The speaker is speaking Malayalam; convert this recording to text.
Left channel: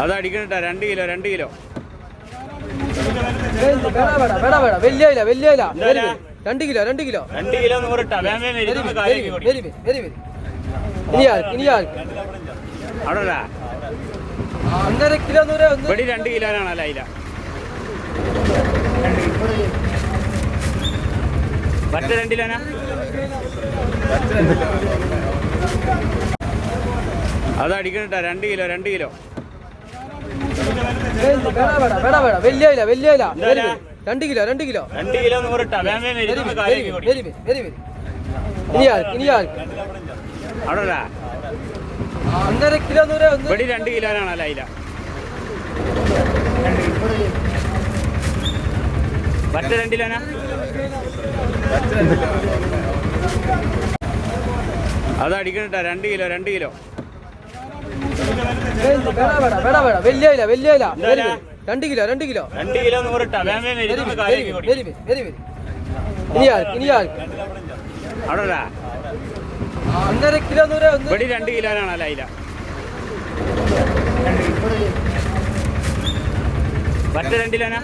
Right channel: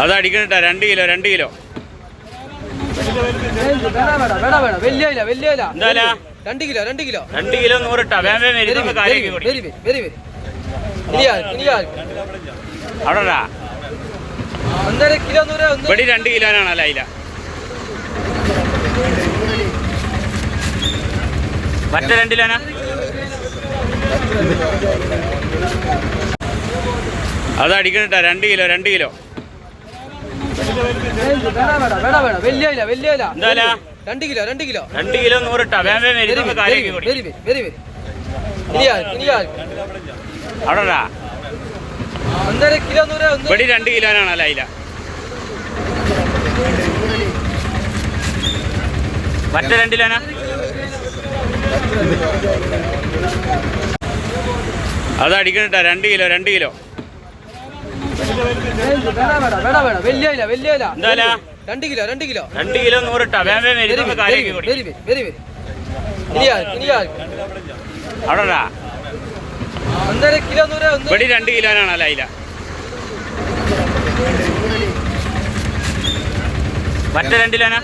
അത് അടിക്കണട്ടാ രണ്ട് കിലോ രണ്ട് കിലോ? രണ്ട് കിലോ രണ്ട് കിലോ. രണ്ട് കിലോ നൂറിട്ടാ വേം വേം വെരി ഇരുന്നൊന്ന് വെരി കാര്യമാക്കി കൊടുക്കും വെരി വെരി വെരി ഇനിയാ ഇനിയാ അവിടെ ഒന്നര കിലോ നൂറ് ഒന്ന് ഇവിടെ രണ്ട് കിലോനാണല്ലോ അയില മറ്റേ രണ്ട് കിലോനാ? അത് അടിക്കണട്ടാ രണ്ട് കിലോ രണ്ട് കിലോ. വലിയ? രണ്ട് കിലോ രണ്ട് കിലോ. രണ്ട് കിലോ നൂറിട്ടാ. അവിടെ ഒന്നര കിലോ നൂറ് ഇവിടെ രണ്ട് കിലോനാണല്ലോ അയില മറ്റേ രണ്ട് കിലോനാ? അത് അടിക്കണട്ടാ. രണ്ട് കിലോ രണ്ട് കിലോ. രണ്ട് കിലോ രണ്ട് കിലോ രണ്ട് കിലോ നൂറിട്ടാ അവിടെ ഒന്നര കിലോ നൂറ് ഇവിടെ രണ്ട് കിലോനാണല്ലോ അയില മറ്റേ രണ്ട് കിലോനാ?